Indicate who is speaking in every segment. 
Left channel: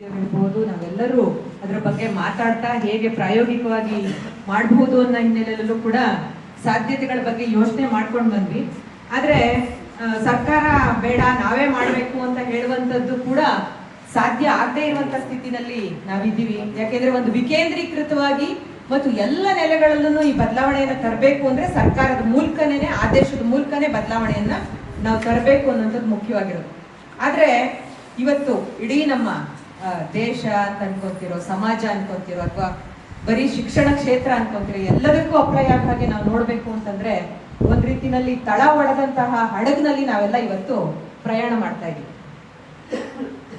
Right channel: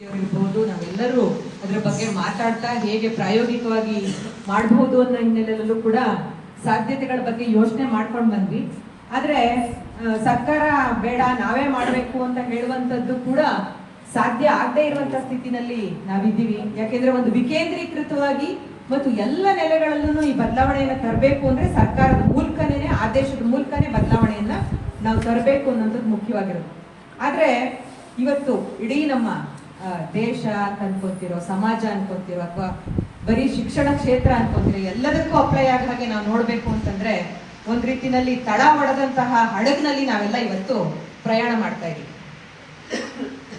Speaker 1: ಇರ್ಬೋದು, ನಾವೆಲ್ಲರೂ ಅದರ ಬಗ್ಗೆ ಮಾತಾಡ್ತಾ ಹೇಗೆ ಪ್ರಾಯೋಗಿಕವಾಗಿ ಮಾಡಬಹುದು ಅನ್ನೋ ಹಿನ್ನೆಲೆಯಲ್ಲೂ ಕೂಡ ಸಾಧ್ಯತೆಗಳ ಬಗ್ಗೆ ಯೋಚನೆ ಮಾಡ್ಕೊಂಡು ಬಂದ್ವಿ. ಆದ್ರೆ ಸರ್ಕಾರ ಬೇಡ, ನಾವೇ ಮಾಡಬೇಕು ಅಂತ ಹೇಳುವಂತದ್ದು ಕೂಡ ಸಾಧ್ಯ ಆಗದೆ ಇರುವಂತ ಸ್ಥಿತಿನಲ್ಲಿ ನಾವಿದ್ದೀವಿ. ಯಾಕೆಂದ್ರೆ ಒಂದು ವಿಕೇಂದ್ರೀಕೃತವಾಗಿ ಮತ್ತು ಎಲ್ಲ ನೆಲೆಗಳಲ್ಲೂ ಈ ಬದಲಾವಣೆಯನ್ನು ತರಬೇಕು ಅಂದ್ರೆ ಸರ್ಕಾರದ ಮೂಲಕನೇ ಆದೇಶದ ಮೂಲಕನೇ ಬದಲಾವಣೆಯನ್ನ ನಾವು ತರಬೇಕು ಅನ್ನೋಂಥದ್ದು ಮುಖ್ಯವಾಗಿರೋದು. ಆದ್ರೆ, ಇವತ್ತು ಇಡೀ ನಮ್ಮ ದೇಶ ಅಂತ ಅನ್ಕೊಂತಿರೋ, ಸಮಾಜ ಅನ್ಕೊಂತಿರೋ, ಅಥವಾ ಬರೀ ಶಿಕ್ಷಣ ಕ್ಷೇತ್ರ ಅನ್ಕೊಂತಿರೋ, ಎಲ್ಲದಕ್ಕೂ ಅಪ್ಲೈ ಆಗ ಹಾಗೆ ನಾವು ನೋಡ್ಬೇಕು ಅಂತಂದ್ರೆ ಒಂದ್ ರೀತಿನಲ್ಲಿ ತಳ ಒಡೆದಂತಹ ಹಡಗ್ನಲ್ಲಿ ನಾವೆಲ್ಲ ಇವತ್ತು ಪ್ರಯಾಣ ಮಾಡ್ತಾ ಇದೀವಿ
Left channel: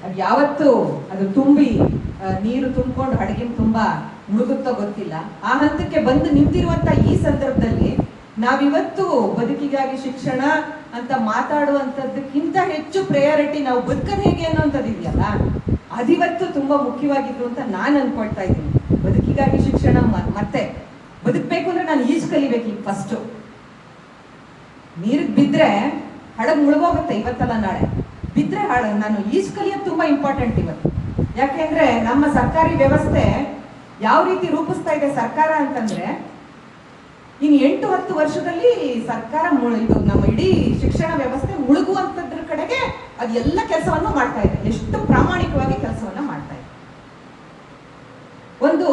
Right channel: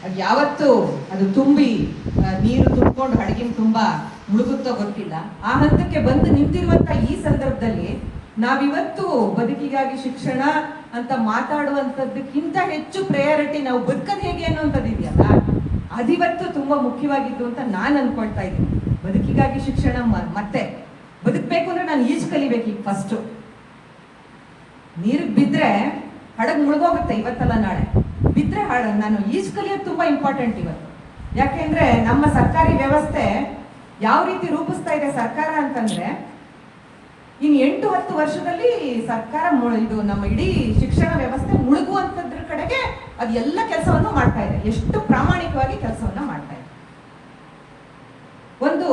Speaker 1: ಅದ್ ಯಾವತ್ತು ಅದು ತುಂಬಿ ನೀರು ತುಂಬಿಕೊಂಡು ಹಡಗಿನ ತುಂಬಾ ಮುಳುಗುತ್ತೋ ಗೊತ್ತಿಲ್ಲ. ಆ ಹಂತಕ್ಕೆ ಬಂದು ನಿಂತಿರುವಂತ ಈ ಸಂದರ್ಭದಲ್ಲಿ ನಾವಿವತ್ತು ಬದುಕಿಗಾಗಿ ಶಿಕ್ಷಣ ಅಂತ ಮಾತಾಡುವಂಥದ್ದಕ್ಕಿಂತ ಹೆಚ್ಚು ಪ್ರಯಾರಿಟಿ ನಾವು ಬದುಕದ್ ಹೇಗೆ ಅನ್ನೋಂಥದ್ದು ಇದೆಯಲ್ಲ, ಅದಿವತ್ತು ತುಂಬಾ ಮುಖ್ಯವಾಗಿದ್ದು ಅಂತ ನಾನು ಅನ್ಕೊಳ್ತಾ ಇದ್ದೀನಿ. ಬದುಕಿಗಾಗಿ ಶಿಕ್ಷಣ ಮತ್ತೆ ಬದುಕಬೇಕು ಅಂದ್ರೆ ನಾನು ಈಜು ಕಲಿಬೇಕು ಈಗ ಫಸ್ಟು ನೀರಿಗೆ ಬಿದ್ರೆ ಹಡಗ್ ಮುಳುಗೋಗುತ್ತೆ ಇವತ್ತಲ್ಲ ನಾಳೆ. ಬಿದ್ರೆ ಹಾಳ, ನಾನು ಈಜು ಕಲಿಯೋದು ತುಂಬಾ ಇಂಪಾರ್ಟೆಂಟ್ ಇವತ್ತು. ಯಾಕೆಂದ್ರೆ ನಮ್ಮ ಸರ್ಕಾರಿ ವ್ಯವಸ್ಥೆ ಯಾವ ರೀತಿ ರೂಪಿಸ್ತಾ ಇದೆ ಸರ್ಕಾರ ಅಂತಂದ್ರೆ ಇನ್ ಎಂಟು ಹತ್ತು ವರ್ಷದಲ್ಲಿ ಸರ್ಕಾರ ಇದು ನಮ್ಮ ಇಡೀ ಶಿಕ್ಷಣ ವ್ಯವಸ್ಥೆ ಮುಳುಗುವಂತದ್ರ ಕಡೆಗೆ ಅದು ಎಲ್ಲ ಕೆಲಸವನ್ನು ಮಾಡ್ತಾ ಇದೆ. ಎಷ್ಟು ಪ್ರಾಮಾಣಿಕವಾಗಿ ಕೆಲಸವನ್ನು ಮಾಡ್ತಾ ಇದೆ. ಒಂದು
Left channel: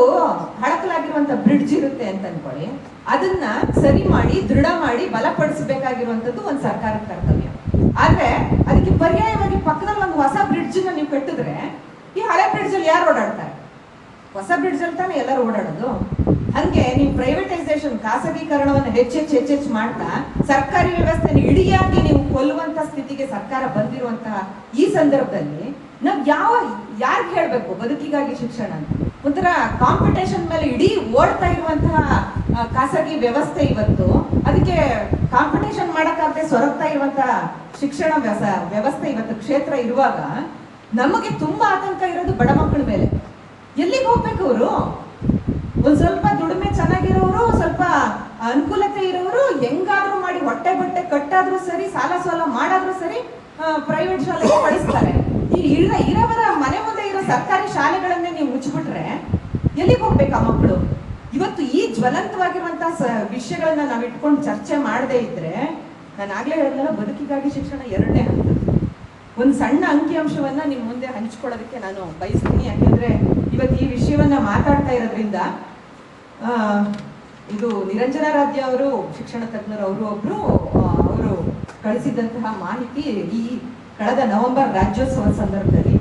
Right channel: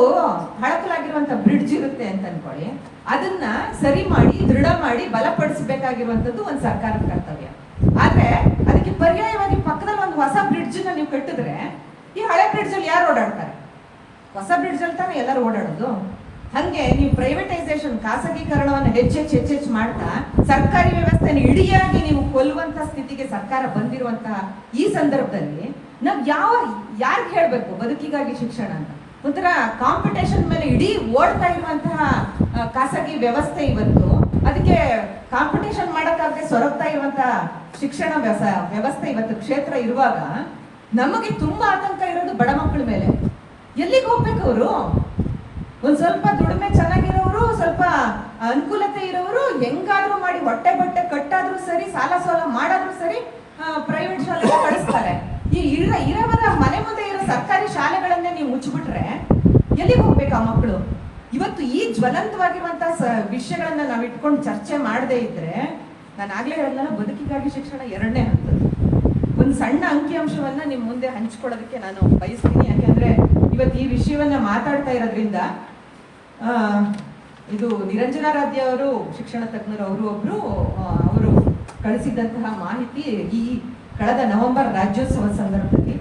Speaker 1: ಹಳಕಲಾಗಿರುವಂತ ಬ್ರಿಡ್ಜ್ ಇರುತ್ತೆ ಅಂತ ಅನ್ಕೊಳ್ಳಿ. ಅದನ್ನ ಸರಿ ಮಾಡಿ, ದೃಢ ಮಾಡಿ ಬಲಪಡಿಸಬೇಕಾಗಿರುವಂತದ್ದು ಒಂದು ಸರ್ಕಾರದ ಕರ್ತವ್ಯ. ಆದ್ರೆ ಅದಕ್ಕೆ ಪರ್ಯಾಯವಾಗಿ ಪಕ್ಕದಲ್ಲಿ ಒಂದು ಹೊಸ ಬ್ರಿಡ್ಜ್ ನೀವು ಕಟ್ಟಿದ್ರೆ ಈ ಹಳೆ ಬ್ರಿಡ್ಜ್ ಅಲ್ಲಿ ಯಾರು ಓಡಾಡ್ತಾರೆ? ಹೊಸ ಬ್ರಿಡ್ಜ್ ಅಲ್ಲಿ ತಾನೇ ಎಲ್ಲರೂ ಓಡಾಡೋದು? ಹಂಗೆ ನೀವು ಪ್ರೈವೇಟೈಸೇಷನ್ ಖಾಸಗೀಕರಣವನ್ನು ಹೆಚ್ಚೆಚ್ಚು ಹೆಚ್ಚೆಚ್ಚು ಮಾಡ್ತಾ ಸರ್ಕಾರಿ ವ್ಯವಸ್ಥೆನ ಇಡಿಯಾಗಿ ನೀವು ಕೊಲ್ಲುವಂತ ಸ್ಥಿತಿಗೆ ಸರ್ಕಾರ ಬಂದಿರುವಂತಹ ಈ ಸಂದರ್ಭದಲ್ಲಿ ನಾವು ಯಾವ, ಯಾರ್ಗ್ ಹೇಳ್ಬೇಕು ಬದುಕಿಗಾಗಿ ಶಿಕ್ಷಣ ಅಂತ? ಒಂಥರ ಕಾಂಪಿಟೇಷನ್ ಮೇಲೆ ಇಡೀ ಓಡ್ತಾ ಇರುವಂತಹ ಖಾಸಗಿ ವ್ಯವಸ್ಥೆ ಇವತ್ತು. ಅದಕ್ಕೆ ಕಾಂಪಿಟೇಷನ್ ಮಾಡಕ್ಕಾಗದೆ ಸೊರಗ್ತಾ ಇರುವಂತಹ ಶಿಕ್ಷಣ ವ್ಯವಸ- ವ್ಯವಸ್ಥೆ ಇವತ್ತು ಕ್ಷೇತ್ರ ಇರುವಾಗ ನಮಗೆ ತುಂಬಾ ಆತಂಕ ಇರೋದು ಬಡ ಮಕ್ಕಳ ಮೇಲೆ. ಎಲ್ಲಿಗೆ ಹೋಗ್ಬೇಕು ಅವರು? ಒಂದ್ ಸ್ವಲ್ಪ ದುಡಿಮೆ ಚೆನ್ನಾಗಿರೋರು, ಸ್ವಲ್ಪ ಅನುಕೂಲತೆ ಇರೋರು, ಹೆಂಗಾದ್ರೂ ಮಾಡಿ ಹೊಟ್ಟೆ ಬಟ್ಟೆ ಕಟ್ಟಾದ್ರೂ ಸರಿ, ಸಾಲ ಸಾಲ ಮಾಡಾದ್ರೂ ಸರಿ ಪ್ರೈವೇಟ್ ಶಾಲೆಗೆ ಕಳಿಸ್ತಾರೆ. ಈ ಇರ ಇರೋವರ ಮನೆ ಮುಂದೆ ಇರೋ ಸರ್ಕಾರಿ ಶಾಲೆಗಳನ್ನೇ ನೀವು ಮುಚ್ಚಿಬಿಟ್ರೆ ಎಲ್ಲಿಗೆ ಹೋಗ್ಬೇಕು ಆ ಮಕ್ಕಳು ಇವತ್ತು ಈ ಜ್ವಲಂತವಾಗಿರುವಂತಹ ವಿಷಯಗಳನ್ನ ನಾವು ಇಟ್ಕೊಂಡು ಚರ್ಚೆ ಮಾಡದೇ ಇದ್ರೆ ನಾನು ಆಗ್ಲೇ ಹೇಳಿದ್ನಲ್ಲ ಬದುಕಿಗಾಗಿ ಶಿಕ್ಷಣ ಎರಡನೇ ಹಂತದ್ದು ಒಂದು ಸಣ್ಣ ಅಂಕಿಅಂಶವನ್ನ ನಿಮ್ಮ ಮುಂದೆ ಹಂಚ್ಕೊಳ್ಳೋದಕ್ಕೆ ನಾನು ಬಯಸ್ತೀನಿ. ಯಾಕೆಂದ್ರೆ ಇವತ್ತು ಈ ವಿಷಯವನ್ನ ಮಾತಾಡ್ತಾ ಇರೋದ್ರಿಂದ ಇದು ನಿರಂಜನಾರಾಧ್ಯ ಅವರು, ಶಿಕ್ಷಣ ತಜ್ಞರು ಅವರು ಒಬ್ರು ಅವರು ಕಳಿಸಿದಂತಹ ಮಾಹಿತಿ ಈ ಕಳೆದ ನವೆಂಬರ್ ರಾಜ್ಯೋತ್ಸವ ಸಂದರ್ಭದಲ್ಲಿ.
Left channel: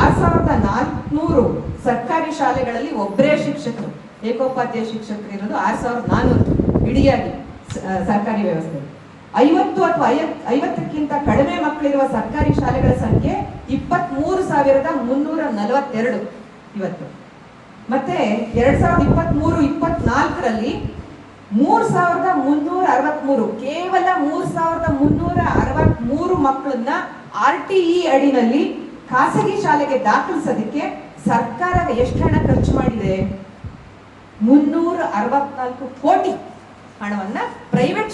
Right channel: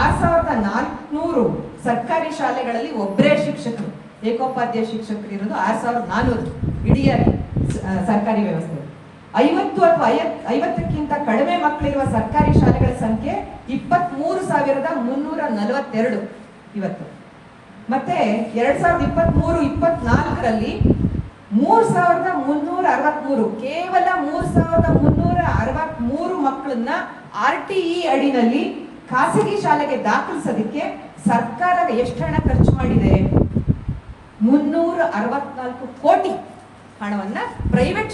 Speaker 1: ಆರ್ ಸಾವಿರದ ನಾಲ್ಕುನೂರು ಸರ್ಕಾರಿ ಶಾಲೆಗಳಲ್ಲಿ ಒಬ್ಬರೇ ಶಿಕ್ಷಕರು, ಏಕೋಪಾಧ್ಯಾಯ ಶಿಕ್ಷಕರು ಇರೋದು ಆರು ಸಾವಿರದ ನಾನ್ನೂರು ಇಡಿಯಾಗಿ ಸರ್ಕಾರಿ ವ್ಯವಸ್ಥೆ. ಐವತ್ತು ಅಥವಾ ಐವತ್, ಐವತ್ತಕ್ಕಿಂತ ಕಡಿಮೆ ಮಕ್ಕಳಿರುವ ಸರ್ಕಾರಿ ಶಾಲೆಗಳ ಸಂಖ್ಯೆ ಇಪ್ಪತ್ತ್ ಮೂರು ಸಾವಿರದ ಮುನ್ನೂರ ನಲವತ್ತೆರಡು ಇವತ್ತು. ಮತ್ತೆ ಎರಡ್ ಸಾವಿರದ ಇಪ್ಪತ್ತ್ ಮೂರು ಇಪ್ಪತ್ನಾಲ್ಕರಲ್ಲಿ ಮೂರ್ ಸಾವಿರದ ಮುನ್ನೂರ ಅರವತ್ಮೂರು, ಕೇವಲ ಮೂರ್ ಸಾವಿರದ ಮುನ್ನೂರ ಅರವತ್ಮೂರು ಮಕ್ಕಳನ್ನ ಆರ್ ಟಿ ಇ ಅಡಿನಲ್ಲಿ ಖಾಸಗಿ ಶಾಲೆಗೆ ದಾಖಲಿಸೋದಕ್ಕೆ ಸರ್ಕಾರ ಎಷ್ಟು ಹಣ ಖರ್ಚು ಮಾಡಿದೆ? ಮುನ್ನೂರ ಅರವತ್ನಾಲ್ಕು ಕೋಟಿ. ಹಣವನ್ನ ಪ್ರೈವೇಟ್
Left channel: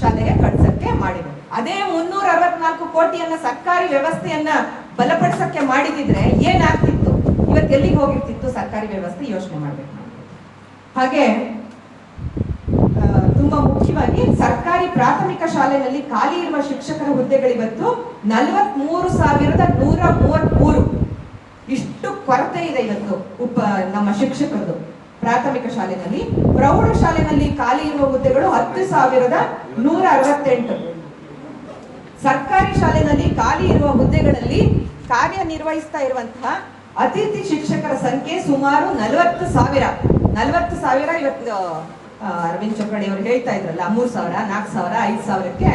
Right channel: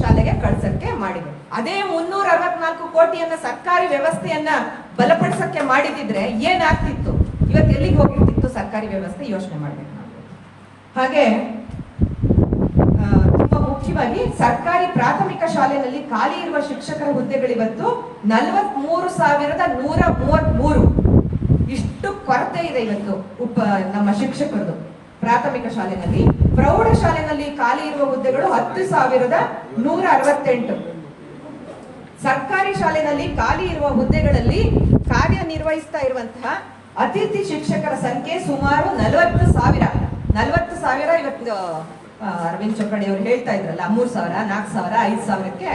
Speaker 1: ಶಾಲೆಗೆ ಕಳ್ಸಕ್ಕೆ ಮಾಡಿದೆ ಅದೇ ಮುನ್ನೂರ ಅರವತ್ನಾಲ್ಕು ಕೋಟಿಯನ್ನ ಸರ್ಕಾರಿ ವ್ಯವಸ್ಥೆಯನ್ನ ಬಲಪಡಿಸಕ್ಕೆ ಮಾಡಿದಿದ್ರೆ ಏನಾಗ್ತಿತ್ತು? ಇವತ್ತು ಎಲ್ಲಿಗೆ ಹೋಗಿರ್ತಿತ್ತು ಸರ್ಕಾರಿ ವ್ಯವಸ್ಥೆ? ಯೋಚನೆ ಮಾಡ್ಬೇಕು ಹಾಗೆ ತುಂಬಾ ಮುಖ್ಯವಾಗಿ ಸರ್ಕಾರಿ ಪ್ರಾಥಮಿಕ ಶಾಲೆಯಲ್ಲಿ ಖಾಲಿ ಇರುವ ಶಿಕ್ಷಕರ ಹುದ್ದೆಗಳಿವತ್ತು ನಲವತ್ಮೂರು ಸಾವಿರದ ನೂರ ಮೂವತ್ಮೂರು. ಇಷ್ಟು ಕೊರತೆ ಇದೆ ಇವತ್ತು ಉಪ, ನಮ್ಮ ಶಿಕ್ಷಕರದು ಪ್ರಾಥಮಿಕ ಶಾಲೆನಲ್ಲಿ. ಪ್ರೌಢ ಶಾಲೆಯಲ್ಲಿ ಖಾಲಿ ಇರುವ ಹುದ್ದೆಗಳು ಹತ್ತು ಸಾವಿರದ ನೂರ ಅರವತ್ತೆಂಟು. ಸರ್ಕಾರಿ ಶಾಲೆನಲ್ಲಿ ಖಾಲಿ ಇರುವ ಹುದ್ದೆಗಳಲ್ಲಿ ಕಾರ್ಯನಿರ್ವಹಿಸ್ತಾ ಇರುವಂತಹ ಅತಿಥಿ ಶಿಕ್ಷಕರ ಸಂಖ್ಯೆ ಸುಮಾರು ನಲವತ್ತು ಸಾವಿರ. ನಲವತ್ತು ಸಾವಿರ ಇವತ್ತು ಅರವಿಂದ್ ಚೌಕಣಿ ಅವರು ಹೇಳ್ತಾ ಇದ್ರಲ್ಲ, ಮೂರ್ ಸಾವಿರ, ನಾಲ್ಕು ಸಾವಿರ, ಐದು ಸಾವಿರಕ್ಕೆ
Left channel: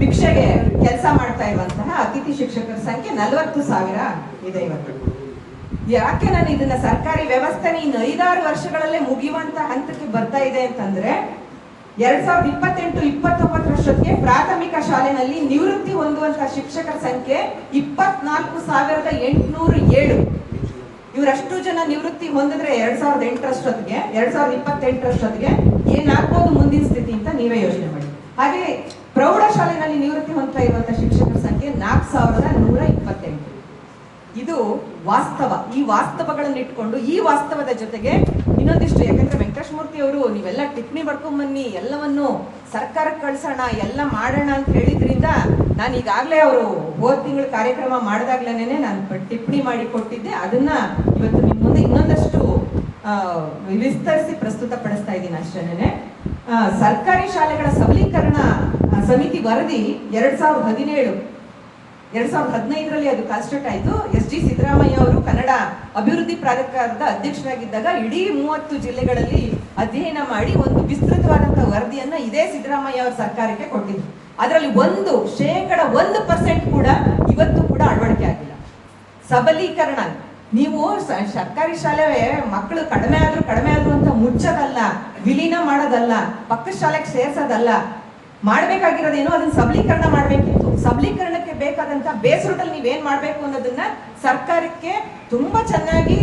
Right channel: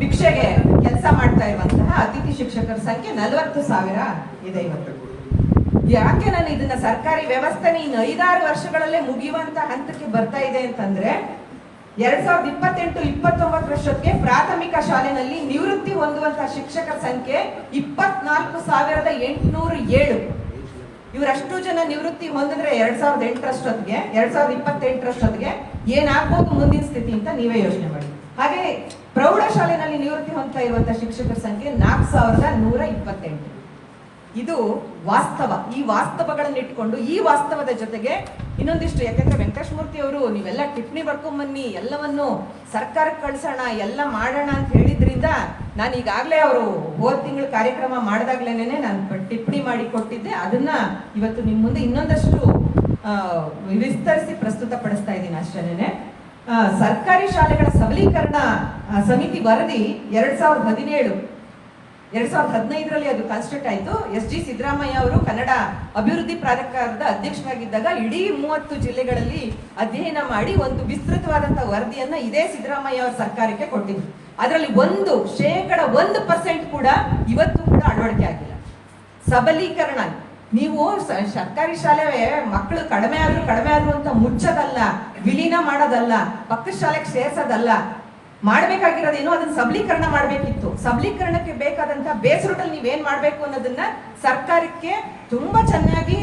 Speaker 1: ಭಿಕ್ಷೆಗೆ ಕೆಲಸ ಮಾಡ್ತಾ ಇರುವಂತಹ ಅತಿಥಿ ಶಿಕ್ಷಕರ ಸಂಖ್ಯೆ ನಲವತ್ತು ಸಾವಿರ ಇದೆ ಇವತ್ತು. ಯಾಕೆ ನಾನು ಇದನ್ನ ಸರ್ಕಾರಿ ವ್ಯವಸ್ಥೆನ ಇನ್ನು ಐದಾರು ವರ್ಷಗಳಲ್ಲೇ ಮುಗಿಯುವಂತ ಹಂತಕ್ಕೆ ಬರ್ತಾ ಇದೆ ಅಂತಂದ್ರೆ ಎರಡ್ ಸಾವಿರದ ಇಪ್ಪತ್ತೆಂಟು ಇಪ್ಪತ್ತೊಂಬತ್ತರಷ್ಟೊತ್ತಿಗೆ ಪ್ರಾಥಮಿಕ ಶಾಲೆನಲ್ಲಿ ನಿವೃತ್ತಿ ಹೊಂದುವಂತ ಶಿಕ್ಷಕರ ಸಂಖ್ಯೆ ಇಪ್ಪತ್ನಾಲ್ಕು ಸಾವಿರದ ಎಂಟುನೂರ ಏಳು. ಇವರಷ್ಟು ಜನ ನಿವೃತ್ತಿ ಹೊಂದಿದ್ರೆ ಎರಡ್ ಸಾವಿರದ ಎಂಟರಷ್ಟೊತ್ತಿಗೆ, ಎರಡ್ ಸಾವಿರದ ಇಪ್ಪತ್ತೆಂಟರಷ್ಟೊತ್ತಿಗೆ ಏನಾಗ್ಬೋದು ಮುಂದಿನ ಸ್ಥಿತಿ ಅಂತ ನೀವೇ ಯೋಚನೆ ಮಾಡಿ. ಹಾಗೆ ಪ್ರೌಢ ಶಾಲೆನಲ್ಲಿ ನಿವೃತ್ತಿ ಹೊಂದ್ತಾ ಇರುವಂತ ಶಿಕ್ಷಕರ ಸಂಖ್ಯೆ ನಾಲ್ಕು ಸಾವಿರದ ನೂರ ಇಪ್ಪತ್ತೆಂಟು. ಇದು ವಾಸ್ತವ. ಈ ವಾಸ್ತವಗಳನ್ನು ಇಟ್ಕೊಂಡು ಈ ವಾಸ್ತವದ ಜೊತೆಗೆ ಇನ್ನೊಂದಿಷ್ಟು, ಯಾಕಂದ್ರೆ ವೆಂಕಟೇಶ್ ಮೂರ್ತಿ ಅವರು ನೀವೆಲ್ಲ ಟಿಪ್ಪಣಿ ಬರ್ಕೊಂಬನ್ನಿ, ಎಲ್ಲವನ್ನು ಸರ್ಕಾರಕ್ಕೆ ಕಳ್ಸೋಣ, ಎಲ್ಲ ಮಾಡೋಣ ಅಂತ ಹೇಳಿದ್ರಿಂದ ನಾನು ಈಗಾಗಲೇ ಅವರು ಹೋದ ತಿಂಗಳ ಕಾರ್ಯಕ್ರಮ ಮಾಡಿದಾಗ್ಲೇನೆ ನಾನು ಟಿಪ್ಪಣಿ ಮಾಡಿ ಕೊಟ್ಟಿದ್ದೆ. ಅದನ್ನ ಇವತ್ತು ನಿಮ್ಮ ಮುಂದೆ ಇನ್ನೊಂದಷ್ಟು ವಿಸ್ತರಿಸಿ ವಿಸ್ತರಿಸಿ ಪ್ರಸ್ತುತಪಡಿಸ್ತಾ ಇದ್ದೀನಿ ಅಷ್ಟೇನೆ ಸರ್ಕಾರಿ ಶಾಲೆಗಳ ಸಬಲೀಕರಣ ಸಮಿತಿ ವರದಿ ಎರಡ್ ಸಾವಿರದ ಹದಿನೇಳು. ಎರಡ್ ಸಾವಿರದ ಹದಿನೈದರಲ್ಲಿ ಅದು ಕಾನ್ಸ್ಟಿಟ್ಯೂಟ್ ಆಯಿತು. ಎಸ್ ಜಿ ಸಿದ್ದರಾಮಯ್ಯ ಅವರು ಕನ್ನಡ ಅಭಿವೃದ್ಧಿ ಪ್ರಾಧಿಕಾರದ ಅಧ್ಯಕ್ಷರಾಗಿದ್ದಾಗ ಇಡೀ ಮೂವತ್ತು ಜಿಲ್ಲೆಗಳಲ್ಲಿ ಅಧ್ಯಯನ ಮಾಡಿ ಒಂದು ವಿಸ್ತೃತವಾದಂತಹ ವರದಿಯನ್ನು ಇದೇ ಸಿದ್ದರಾಮಯ್ಯ ಅವರ ಸರ್ಕಾರಕ್ಕೆ ಕೊಟ್ಟಿದ್ರು. ಅದರಲ್ಲಿ ಒಂದು ಶೇಕಡ ಒಂದು ಪರ್ಸೆಂಟ್ ಕೂಡ ಇವತ್ತು ಕೂಡ ಅಳವಡಿಕೆ ಆಗಿಲ್ಲ. ಸಬಲೀಕರಣ ನೀವು ಸರ್ಕಾರಿ ಶಾಲೆ ಮಕ್ಕಳು ಕಡಿಮೆ ಆದ್ರೂ ಕಡಿಮೆ ಆದ್ರೂ ಅಂತ ಮುಚ್ಚೋದಲ್ಲ, ವಿಲೀನ ಮಾಡೋದಲ್ಲ, ಪಕ್ಕದ ಶಾಲೆಗೆ ಸೇರ್ಸೋದಲ್ಲ ಮಾಡ್ಬೇಕಾಗಿರೋದೇನು ಅದನ್ನ ಸಬಲೀಕರಣ ಮಾಡಬೇಕಿತ್ತು. ಸಬಲೀಕರಣಕ್ಕೆ ಬೇಕಾದಂತ ಬೇಸ್ ರೂಟಲ್ಲಿ ನೀವೇನ್ ಮಾಡಬೇಕು ಅನ್ನೋದನ್ನ ಸರ್ಕಾರಕ್ಕೆ ತುಂಬಾ ಚೆನ್ನಾಗಿ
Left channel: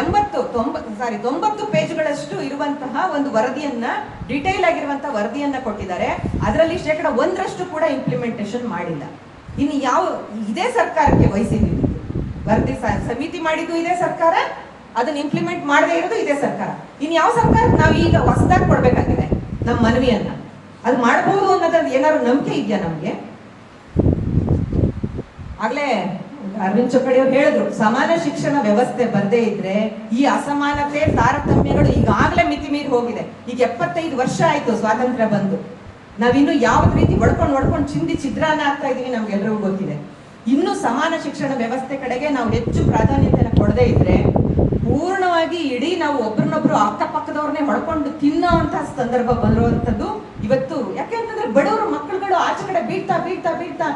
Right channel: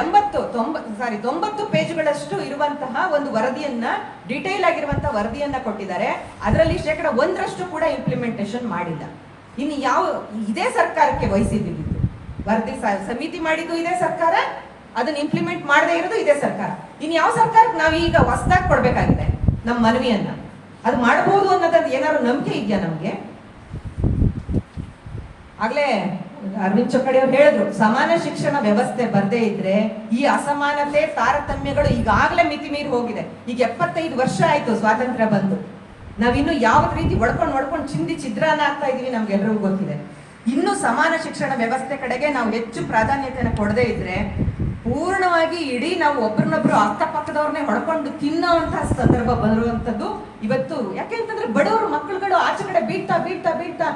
Speaker 1: ಎಂಬತ್ತು, ತೊಂಬ ಸಾರಿ ತೊಂಬತ್ತು ಪೇಜ್ಗಳಷ್ಟು ಇರುವಂತಹ ಒಂದು ವರದಿಯನ್ನ ಡಿಟೇಲ್ ಆಗಿರುವಂತಹ ವರದಿಯನ್ನ ಕೊಟ್ಟಿದ್ದಾರೆ. ಅದರಲ್ಲಿ ಶೇಕಡ ಒಂದರಷ್ಟು ಕೂಡ ಇಂಪ್ಲಿಮೆಂಟೇಷನ್ ಮಾಡಿಲ್ಲ. ಇನ್ನು ಯಾವ, ಇದೇ ಸರ್ಕಾರಕ್ಕೆ ವಹಿಸಿದ್ದೀವಿ. ವರದಿ ಸಮಿತಿ ಮಾಡಿದ್ದು ಇದೇ ಸರ್ಕಾರ, ಅದನ್ನ ಇಂಪ್ಲಿಮೆಂಟ್ ಮಾಡದೇ ಇರೋದು ಇದೇ ಸರ್ಕಾರ. ಇನ್ ಯಾವ ಸರ್ಕಾರಕ್ಕೆ ನಾವು ಈಗ ಹೊಸದಾಗಿ ಕೊಡಬೇಕಾಗಿದೆ? ನಮ್ಮ ಮನವಿಯನ್ನ. ಅದು ಮಾಡಬಹುದು ಅನ್ನೋದ್ ಏನಾದ್ರು ನಂಬಿಕೆ ಇದೆಯಾ ನಮ್ಗೆ? ಆಗ್ಲೇ ಅರವಿಂದ್ ಚೊಕ್ಕಡಿ ಅವ್ರು ಹೇಳಿದ್ರು, ಸಮಾನ ಶಿಕ್ಷಣ ವ್ಯವಸ್ಥೆ ಬರದೇ ಇದ್ರೆ ಈ ಅಸಮಾನತೆ, ತಾರತಮ್ಯಗಳು ಈಗಾಗಲೇ ಮಿತಿ ಮೀರಿ ಹೋಗಿದೆ. ಈಗ ಎಪ್ಪತ್ತೈದು ವರ್ಷ ಆಯ್ತು ಸ್ವಾತಂತ್ರ್ಯ ಬಂದು. ನಾವಿನ್ನು ಯಾವ ರೀತಿ ಒಡ್ಕೊಂಡು ಒಡ್ಕೊಂಡು ಚಿಂದಿ ಚಿತ್ರಾನ್ನ ಆಗ್ತಾ ಇದೀವಿ ನಮ್ಗೆಲ್ರಿಗೂ ಗೊತ್ತಿದೆ. ಇನ್ನು ಸಮಾನ ಶಿಕ್ಷಣ ವ್ಯವಸ್ಥೆ ಕಡೆಗೆ ನಾವು ಹೆಚ್ಚು ಪ್ರಾಧಾನ್ಯತೆಯನ್ನು ಕೊಡದೇ ಇದ್ರೆ ಪೂರ್ಣವಾಗಿ ಇಡೀ ನಾವು ಒಬ್ರನ್ನೊಬ್ರು ಅಕ್ಕಪಕ್ಕದವ್ರನ್ನೇ ಹೊಡ್ಕೊಂಡು ತಿನ್ನೋಂತಹ ಸಂದರ್ಭ ಬಂದಿರುವಂತದ್ದು ಇವತ್ತು ಯಾಕೆ ಅಂತಂದ್ರೆ ಬಡವರ ಮಕ್ಕಳುಗಳು ಆಚೆ ಕಡೆ ಬೀಳ್ತಾ ಬೀಳ್ತಾ ಬೀಳ್ತಾ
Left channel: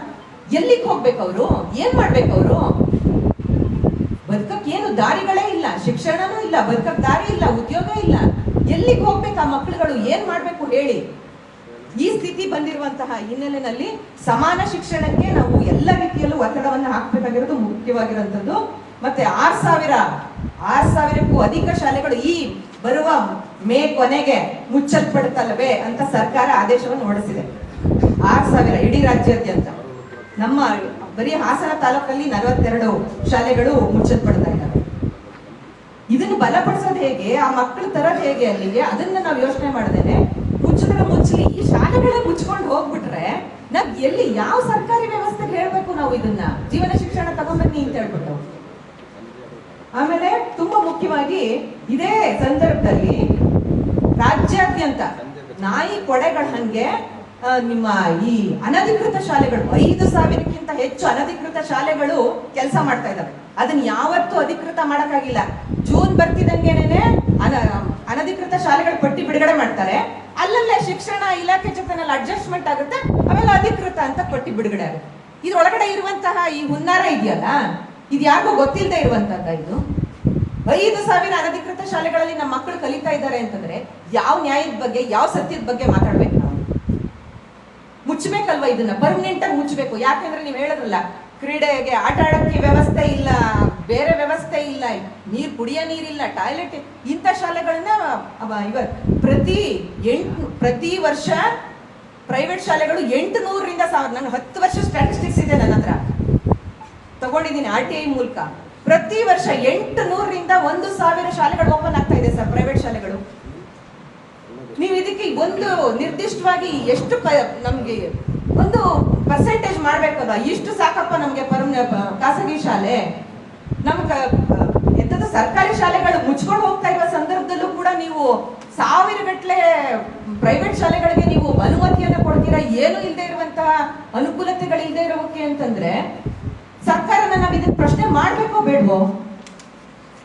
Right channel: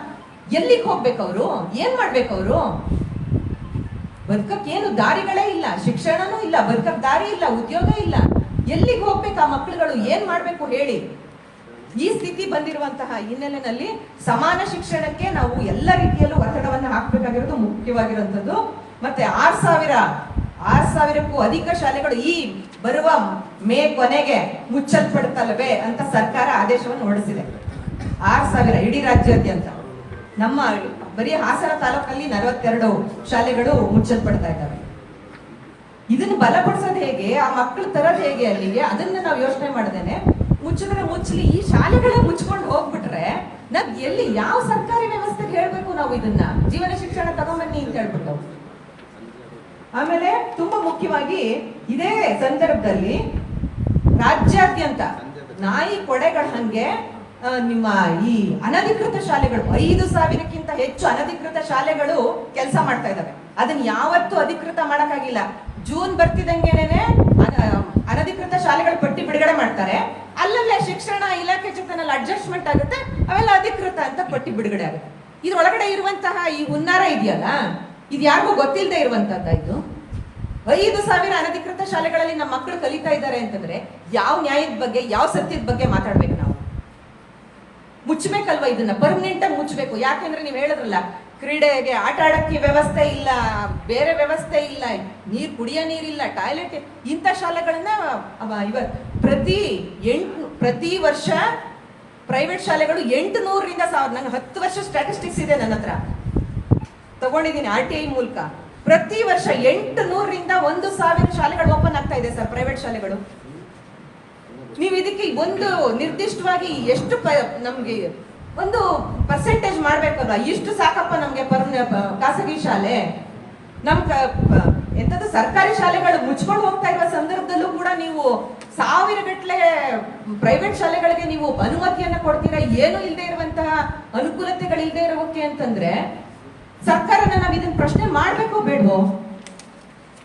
Speaker 1: ಎಲ್ಲಿಗೆ ಹೋಗ್ಬೇಕು ಅವರು? ಏನ್ ಮಾಡ್ಬೇಕು ಅವರು? ಬದುಕಕ್ಕೆ ಏನು ದಾರಿಗಳೇ ಇಲ್ಲ, ಶಿಕ್ಷಣನೂ ಇಲ್ಲ, ಬದುಕಕ್ ದಾರಿ ಇಲ್ಲ, ಉದ್ಯೋಗ ಇಲ್ಲ. ಎಲ್ಲಿಗೆ ಹೋಗ್ಬೇಕು ಆ ಮಕ್ಕಳುಗಳು? ಏನ್ ಮಾಡ್ಬೇಕು ಹೇಳಿ? ಈ ಸ್ಥಿತಿ ಬಂದಿರುವಂತಹ ಹಿನ್ನೆಲೆಯಲ್ಲಿ ಸಮಾನ ಶಿಕ್ಷಣಕ್ಕೆ ನಾವು ಎಲ್ಲ ರೀತಿಯಲ್ಲೂ ಒತ್ತಡವನ್ನು ಹಾಕಬೇಕಾಗಿರೋದು ಮುಖ್ಯವಾಗಿರುವಂಥದ್ದು. ಮತ್ತೆ ಆರ್ ಸಾವಿರ ಆರ್ ಸಾವಿರಕ್ಕೂ ಅಧಿಕ ಶಾಲೆಗಳು ಈ ಬರುವ ಮೇ ಕೊನೆಗೆ ಮುಚ್ಚಲ್ಪಡುತ್ತಲ್ಲವೇ ಅಂತ ಸರ್ಕಾರ ಆದೇಶವನ್ನು ಹೊರಡಿಸಿದೆ. ಆರ್ ಸಾವಿರ ಇಡೀ ರಾಜ್ಯಾದ್ಯಂತ. ನಮ್ಮ ಬರೀ ಹಾಸನ ತಾಲೂಕಲ್ಲಿ ನಲವತ್ತೆರಡು ಶಾಲೆಗಳು ಮುಚ್ಚಲ್ಪಡ್ತಾ ಇದ್ದಾವೆ. ಇದನ್ನು ಬಲಪಡಿಸೋದು ಹೇಗೆ, ಆ ಮಕ್ಕಳು ತರೋದು ಹೇಗೆ ಅಲ್ಲಿಗೆ ಅದನ್ನ ನಾವು ಯೋಚನೆ ಮಾಡ್ದೇನೆ ಮುಚ್ಚಿದ್ರೆ ಮುಚ್ಚಲಿ, ಈ ಶಾಲೆಗಳೇ ಮುಚ್ಕೊಂಡು ಹೋಗ್ಬಿಟ್ರೆ ನಾವ್ ಎಲ್ಲಿ ಯಾವ ಸರ್ಕಾರಿ ವ್ಯವಸ್ಥೆಗೆ ಹೇಳ್ಬೇಕು ನಾವು ಇದನ್ನ? ಜೀವನ ಶಿಕ್ಷಣ ತಗೊಂಬನ್ನಿ ಅಂತ ಹೇಳ್ಬಿಟ್ಟು. ಆಮೇಲೆ ತುಂಬಾ ಮುಖ್ಯವಾಗಿ ಇದೇ ಸಂದರ್ಭದಲ್ಲಿ ರಾಜ್ಯಾದ್ಯಂತ ನಾಯಿ ಕೊಡೆಗಳ ಹಂಗೆ ನಿಮ್ಮ ಈ ಅನಧಿಕೃತ ಶಾಲೆಗಳು, ಐದು ಸಾವಿರಕ್ಕಿಂತ ಹೆಚ್ಚು ಅನಧಿಕೃತ ಶಾಲೆಗಳು ಕೆಲಸ ಮಾಡ್ತಾ ಇದ್ದಾವೆ ಅದನ್ನ ಯಾವತ್ತೂ ಅಧಿಕೃತ ಮಾಡಕ್ಕಾಗಿಲ್ಲ. ಜೂನ್ ಬರ್ತಿದಂಗೆನೆ ಅನ- ಅನಧಿಕೃತ ಶಾಲೆಗಳ ಪಟ್ಟಿ ಬಿಡುಗಡೆ ಮಾಡ್ತಾರೆ. ಅಲ್ಲಲ್ಲೇ ಶಿಕ್ಷಣ ಇಲಾಖೆ ಜೊತೆನಲ್ಲಿ ಅಡ್ಜಸ್ಟ್ಮೆಂಟ್ ಆಗುತ್ತೆ, ಅವೆಲ್ಲ ಅಧಿಕೃತ ಅಂತ ಪಟ್ಟಿ ಬಿಡುಗಡೆ ಆಗುತ್ತೆ. ಇದ್ರೊಳಗಡೆ ಇರುವಂತಹ ಈ ಹುನ್ನಾರ ಇದೆಯಲ್ಲ ಇದು ಯಾರಿಗೂ ಗೊತ್ತಿಲ್ಲದೆ ಇರುವಂತದ್ದ ಇದು. ಐದು ಸಾವಿರ ಅನಧಿಕೃತ ಶಾಲೆಗಳಲ್ಲಿ ನಮ್ಮ ಮಕ್ಕಳು ಕಲಿತಾ ಇದ್ದಾರೆ ಅಂತಂದ್ರೆ ಯಾವ ನ್ಯಾಯದ ಬಗ್ಗೆ, ಯಾವ ಸತ್ಯದ ಬಗ್ಗೆ ಮಾತಾಡ್ಬೇಕು ನಾವು? ಮುಚ್ಚಬೇಕಲ್ವಾ ಇದನ್ನ? ಪರ್ಮನೆಂಟ್ ಆಗಿ ಮುಚ್ಚಬೇಕು. ಯಾಕೆಂದ್ರೆ ನೀವು ಹೇಳಿದ್ರಲ್ಲ, ಕ್ರೀಡೆಗೆ ಆಟ ಆಡಕ್ಕೆ ವ್ಯವಸ್ಥೆ ಇಲ್ಲ, ಬೇರೆ ವ್ಯವಸ್ಥೆ ಇಲ್ಲ, ನೀರು ಕುಡಿಯೋ ನೀರಿಲ್ಲ ಟಾಯ್ಲೆಟ್ ಇಂಥ ಶಾಲೆಗಳನ್ನ, ಅವ ಇವ ಪ್ರತಿ ಎಂಟು, ಪ್ರತಿ ವರ್ಷ ಪ್ರೈವೇಟ್ ಶಾಲೆಗಳು ಎಂಟು ನೂರರಿಂದ ಸಾವಿರ, ನಂಗೆ ಹತ್ತು ವರ್ಷ ಸ್ಟ್ಯಾಟಿಸ್ಟಿಕ್ಸ್ ಇದೆ ನನ್ನ ಹತ್ರ. ತಗೊಂಡಿದ್ದೀನಿ ಆರ್ ಟಿ ಐ ಮೂಲಕ. ಪ್ರತಿ ವರ್ಷ ಎಂಟು ನೂರರಿಂದ ಒಂದು ಸಾವಿರ ಶಾಲೆಗಳು ಓಪನ್ ಆಗ್ತಾ ಇದೆ ಸರ್ ಪ್ರೈವೇಟ್ ಶಾಲೆಗಳು. ನೀವು ಇದಕ್ಕೆ ಒಂದು ನಿರ್ದಿಷ್ಟವಾಗಿ ಎಷ್ಟು ನಮಗೆ ಒಂದು ಪರ್ಸೆಂಟೇಜ್ ಮಾಡ್ಬೇಕಲ್ವಾ ಇಷ್ಟು ಸಾಕಪ್ಪ ನಮಗೆ ಪರ್ಮ್, ಖಾಸಗಿ ಶಾಲೆ. ನಮ್ ಎಂಥದ್ದು ಸರ್ಕಾರಿ ಶಾಲೆಗಳು ಮುಚ್ಕೊಂಡು ಹೋಗ್ತಾ ಇರುವ ಸಂದರ್ಭದಲ್ಲೂ ಕೂಡ ನೀವು ಸಾವಿರ ಗಟ್ಟಲೆ ಪ್ರೈವೇಟ್ ಶಾಲೆಗಳಿಗೆ ನೀವು ಅನುಮತಿಯನ್ನ ಕೊಡ್ತೀರಾ, ಏನು ಇಲ್ಲದೆ ಇರುವಂತಹ ಅನುಕೂಲತೆಗಳಿಲ್ಲದೆ ಇರೋಕೆ ಅಂತಂದ್ರೆ ಸರ್ಕಾರನ ನಾವು ಇದನ್ನ ಪ್ರಶ್ನೆ ಮಾಡ್ಬೇಕು ಬೇಡವೋ?